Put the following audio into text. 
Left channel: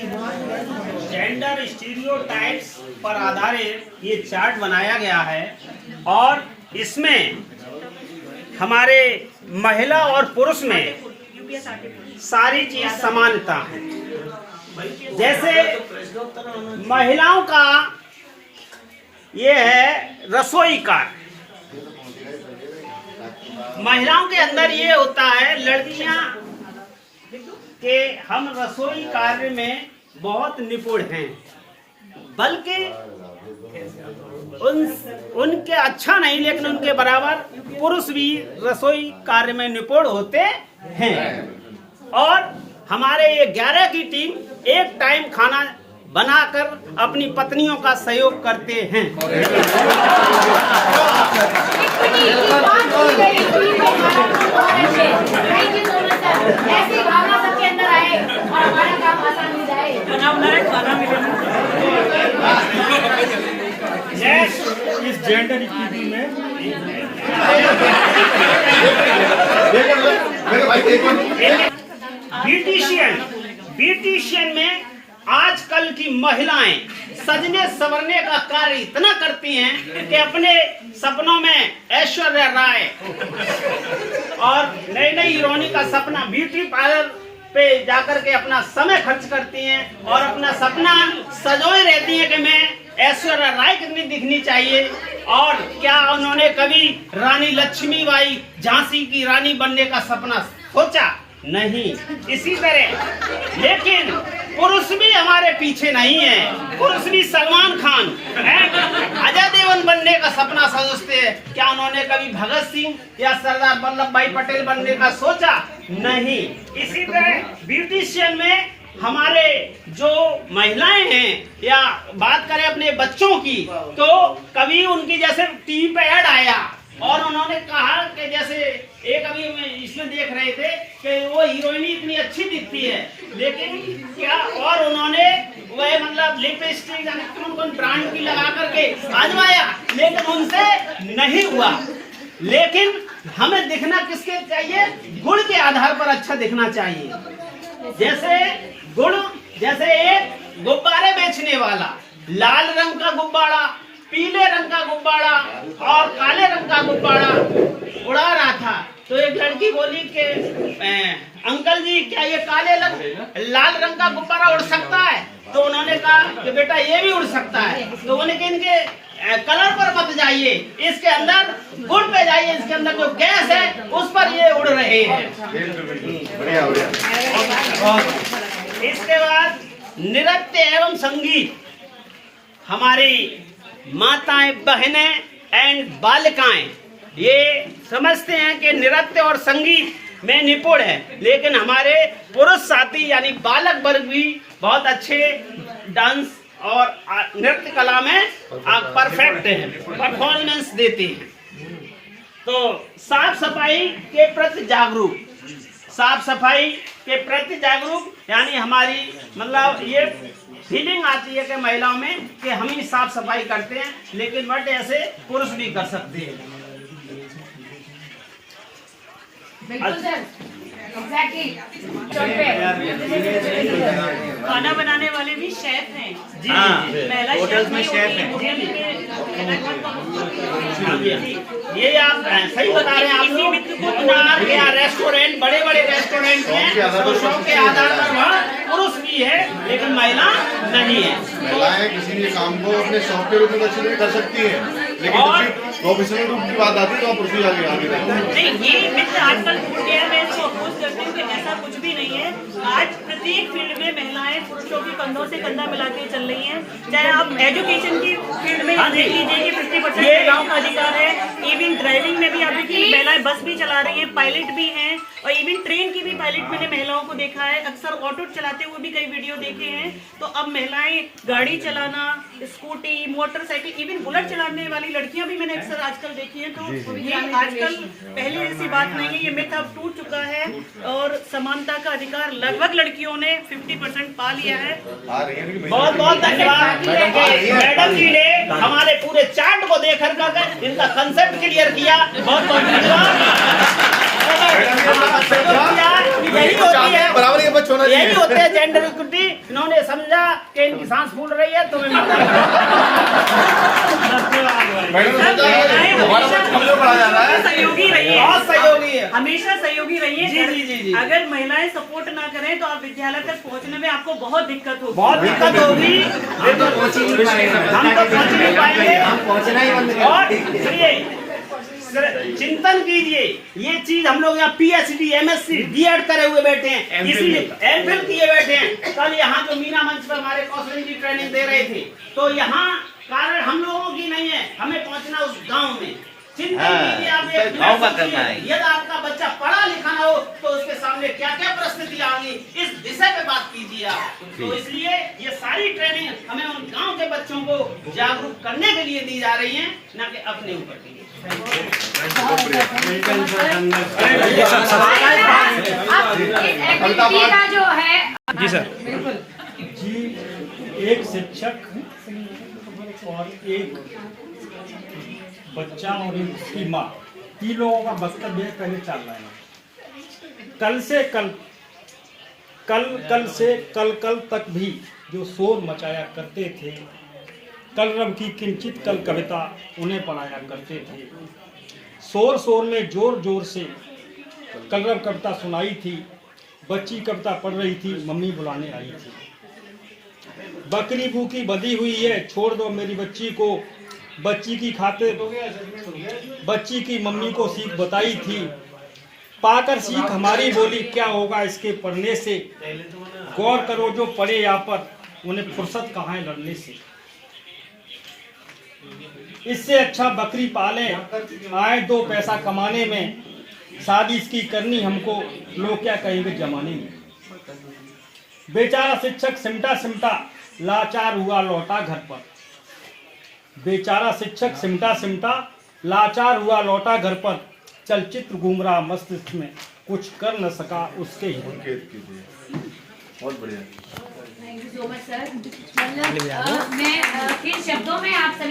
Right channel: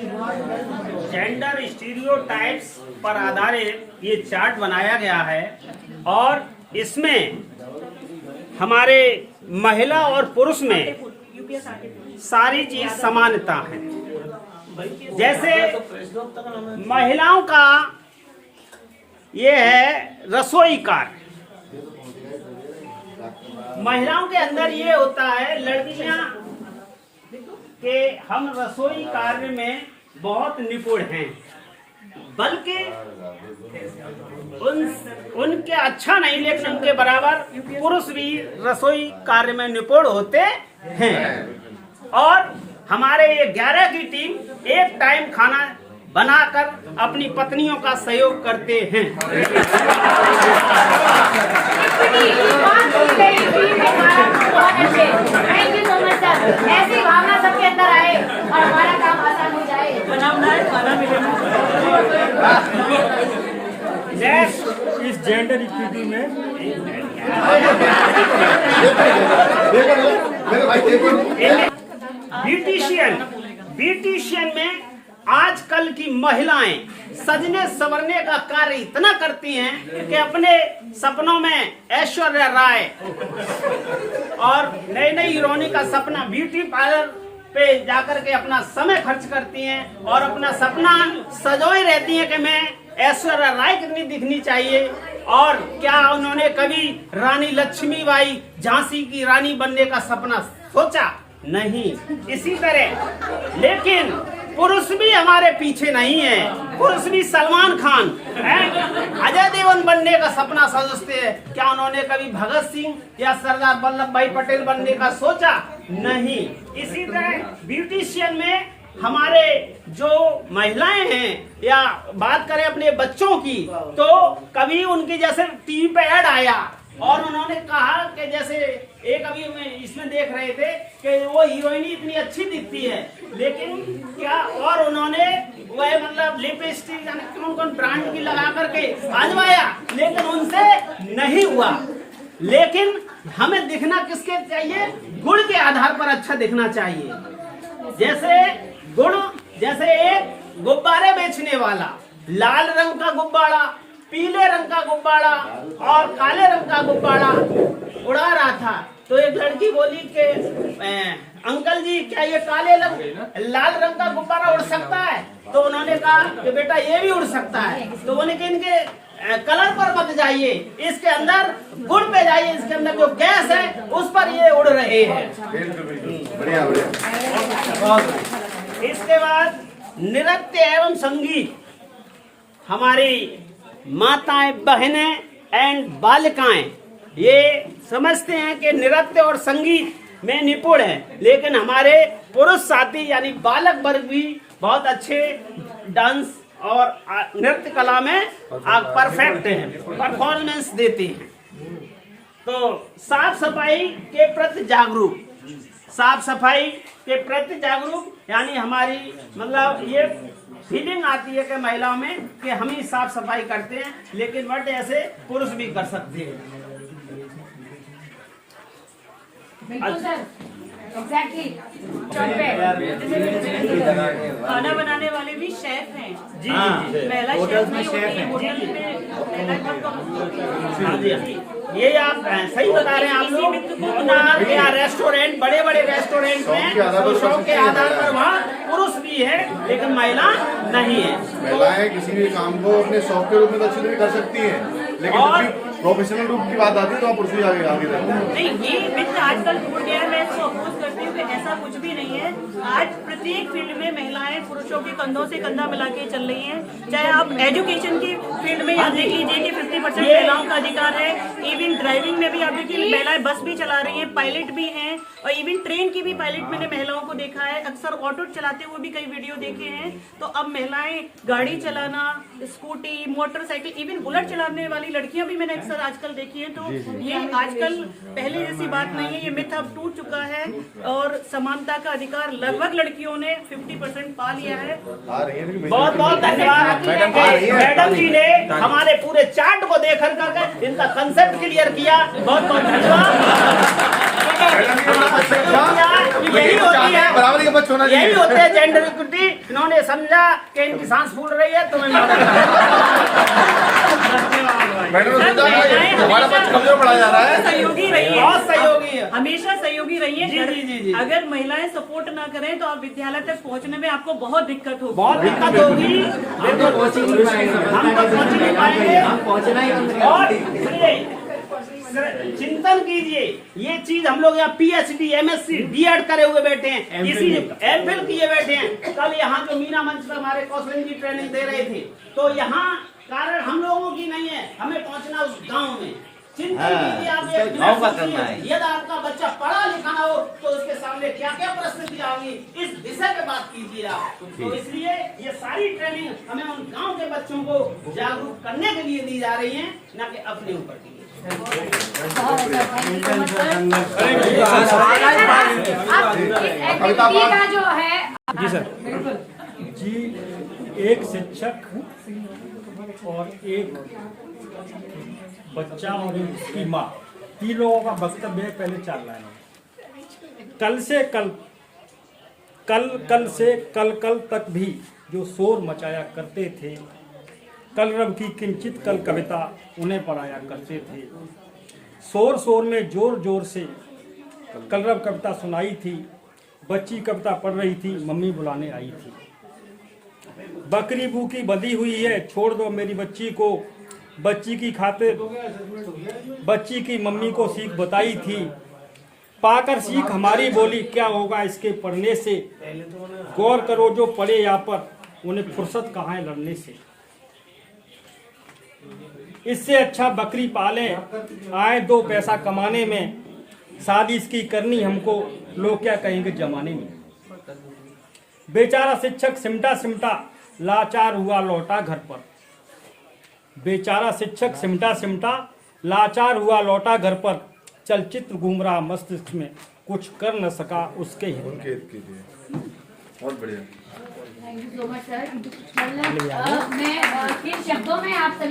Gender stereotypes पर आधारित ये चार्ट बनाया गया है और इसमें हमारे महिला और पुरुष में सारी चीज समानता है। जैसे महिलाओं का ये है रसोई कार्य। महिलाओं के अंदर ये होता है लड़कियां के हम रसोई कार्य में बहुत निपुण हैं, बल्कि उनके अच्छा नहीं लेकिन उनके बराबर पुरुष भी रसोई कार्य में निपुण होते हैं। और हमारे ये 11 की टीम एक टाइम खाना बनाकर अपनी पत्नियों का सहयोग करते हैं। ऐसी भावना सबके अंदर आए और हमारा काम आसान हो जाए। इस जेंडर इक्विटी में ब्यूटिशियन में आजकल की महिलाएं सजने संवरने का कार्य इतना करती हैं कि अपने सपनों में ऐश्वर्या राय और नई नई हीरोइनी का सपना ब्यूटी पार्लर पे जाकर के अपना समय खर्च करती हैं और अपना सपना सजोए रहती हैं कि मैं ऐश्वर्या राय कितनी दिखनी चाहिए। और क्या उन्होंने कभी रानी लक्ष्मीबाई झांसी की रानी बनने का सपना सोचा? नहीं। इसी तरह लेकिन पुरुष भी हमारे पीछे नहीं है। पुरुष भी सलमान खान, अजय देवगन बनने का सपना सोचते हैं। क्या उन्होंने कभी भगत सिंह या सरदार वल्लभ भाई पटेल बनने का सोचा? नहीं। इसी तरह ब्यूटिशियन में हमारे जो महिलाएं हैं या बात करें अपने बच्चों की, तो कभी उनकी जैसे टीवी पे ऐड आया और उन्होंने कहा कि जैसे एक अभी इसमें देख रहे थे कि वो हीरोइनी इतनी अच्छी दिखती है, लेकिन क्या और उन्होंने वह मतलब लिपस्टिक कौन ब्रांड की लगा करके आजमाया, लेकिन उनसे नहीं हुआ। लेकिन हमें दिखना किसके चाहिए? गुण के आधार पर अच्छा दिखना चाहिए। जैसे गुण, जैसे एक गुब्बारे बेचने वाला लाल रंग का गुब्बारा, पीले रंग का गुब्बारा और काले रंग का गुब्बारा उड़ा रहा था, तो एक लड़की बोली कि अंकल जी क्या ये लाल रंग का गुब्बारा उड़ सकता है? तो उन्होंने कहा कि बेटा ये भी उड़ सकता है। तो उन्होंने कहा इनके कलर पर मत जाइए, इसके अंदर गुण पे जाइए, इसके अंदर जो गैस है उस पर ये उड़ रहे हैं। इसके बाद नृत्य एवं संगीत, हमारी माताएं, बहनें एंड बालिकाएं ये समझते हैं कि नृत्य और संगीत में निपुण है, लेकिन हमारे पुरुष साथी यानी बालक वर्ग भी बहुत अच्छे डांस और नृत्य कला में परफेक्ट हैं, परफॉर्मेंस देते हैं। तो साफ सफाई के प्रति जागरूक, साफ सफाई के प्रति जागरूक यानी हमारी मतलब ये फीलिंग आती है कि महिलाओं में कि हम ही साफ सफाई करते हैं, लेकिन बट ऐसे पुरुष भी कर सकते हैं। बिल्कुल सर, एग्जैक्टली। खाना बनाने वाले भी शेफ हैं। जी महिला शेफ नहीं होती है। ये आप सही बता रहे हैं। आप लोग क्या रेस्टोरेंट, बड़े बड़े रेस्टोरेंट में शौक के आधार पर वहाँ पुरुष भी है लेकिन महिला नहीं है। महिलाएं किसी भी काम को अपने शौक के रूप में अच्छी कर सकती हैं, लेकिन प्रोफेशनल रूप की बात आती है तो पुरुष भी आगे नहीं। ये मित्र आजकल फूट गया है, मैं इसको अपोज करती हूँ कि ऐसा कुछ भी नहीं है। आज प्रत्येक फील्ड में महिलाएं पुरुषों के कंधों से कंधा मिला के चल रही हैं। चाहे आप एजुकेशन की फील्ड में देख लीजिए कि 50% महिलाओं का अधिकार है। इवन ड्राइविंग में भी आप देखिए महिलाएं बस भी चला रही हैं, पायलट भी हैं, और इवन ट्रेन की भी पायलट मैंने महिलाओं को देखा है। अक्सर ऑटो चलाते हुए भी कई वीडियो देखे हैं। तो अब महिलाएं गाड़ी चलाना, स्कूटी, मोटरसाइकिल, इवन बुलेट चलाने वाली लड़कियां भी मैंने अक्सर आजकल देखी है। तो ये आजकल पहले जैसी बात नहीं है, ये मिथ अब टूट चुका है और समानता का अधिकार लगभग लड़कियों ने 50% पा लिया है। बहुत बहुत धन्यवाद मैडम जी ने हमारे पूरे चार्ट को देखकर इनका कंसेप्ट क्लियर किया। बहुत बहुत धन्यवाद। यही होते हैं जेंडर इक्विटी। इन्होंने इन्होंने समझा कि इनकी सांस फूल रही है तो मैं मदद मैडम ने सोचा कि हमारा बच्चा कमजोर पढ़ा जा रहा है। सहयोगी रही है, बहुत सहयोगी है। हमेशा सहयोगी रही है। जी, जी, जी, जी। अगर महिलाएं सपोर्ट ना करें तो आप विद्यालय तक पहुंचने में आपको बहुत दिक्कत होगी। बहुत दिक्कत होगी। हम तो पहुंच नहीं पाएंगे। और सुनिए, चिंतन कीजिए, ये चीज हम लोग यहाँ PhD MSc B.Ed करे हुए बैठे हैं, इसीलिए MPhil किए बैठे हैं। कल यहाँ जो मीना मंच पर हमारे कौशल जी ट्रेनिंग दे रहे थे, तो यहाँ कारण हम लोगों की नहीं है, हमें पहुँचना उस गांव में। चिंतन कीजिए आप, एक गांव का करना है। यदि आपका बच्चा पढ़ा लिखा ना हो तो उसके सामने क्या क्या परिस्थितियां आएंगी, इस विषय पे बात कीजिए आप। तो इसलिए ये सारी ट्रेनिंग हमें उन गांव के बच्चों को जागरूक करने के लिए दी जा रही है, न कि अपने ऊपर की। जो है जी सर। जी, एक शिक्षक और एक बच्चा और एक उसकी माँ, 3 लोगों का वक्तव्य है। पहले 4 लाइन। कल से कल तक भी जो शोर मचाया करते थे, कलरव की किंचित कल कविता उन्हें पढ़ाया करते थे। शोर में जोर से कलरव कविता सुनाई थी। बच्ची कविता पढ़ रही थी, मम्मी बुलाने आई थी। बकरी भूखी बंधी हुई है, छोड़ दो मेरी बच्ची को। बच्ची की खातिर बच्ची की मम्मी को सीख बताई थी। पाकर सीख हमारी बोली, क्या होगा इसके पढ़ने से। गौर करो जो पढ़े यहाँ पर, उन्हें फुर्सत कहाँ है लड़ने से। इससे अच्छा बकरी पाले, आए 2 पैसा कमाने में। शादी इसकी करनी हमको, लोग क्या कहेंगे जमाने में। बेचारा शिक्षक सिमटा लाचार हुआ लौटा घर पर। बेचारा शिक्षक सिमटा लाचार हुआ लौटा घर पर। चलचित्र घूम रहा मस्तिष्क में, कुछ कर न सका उसके ही। बहुत बढ़िया। Thank you so much sir. मतलब मैं फिर शब्दों में आप सभी का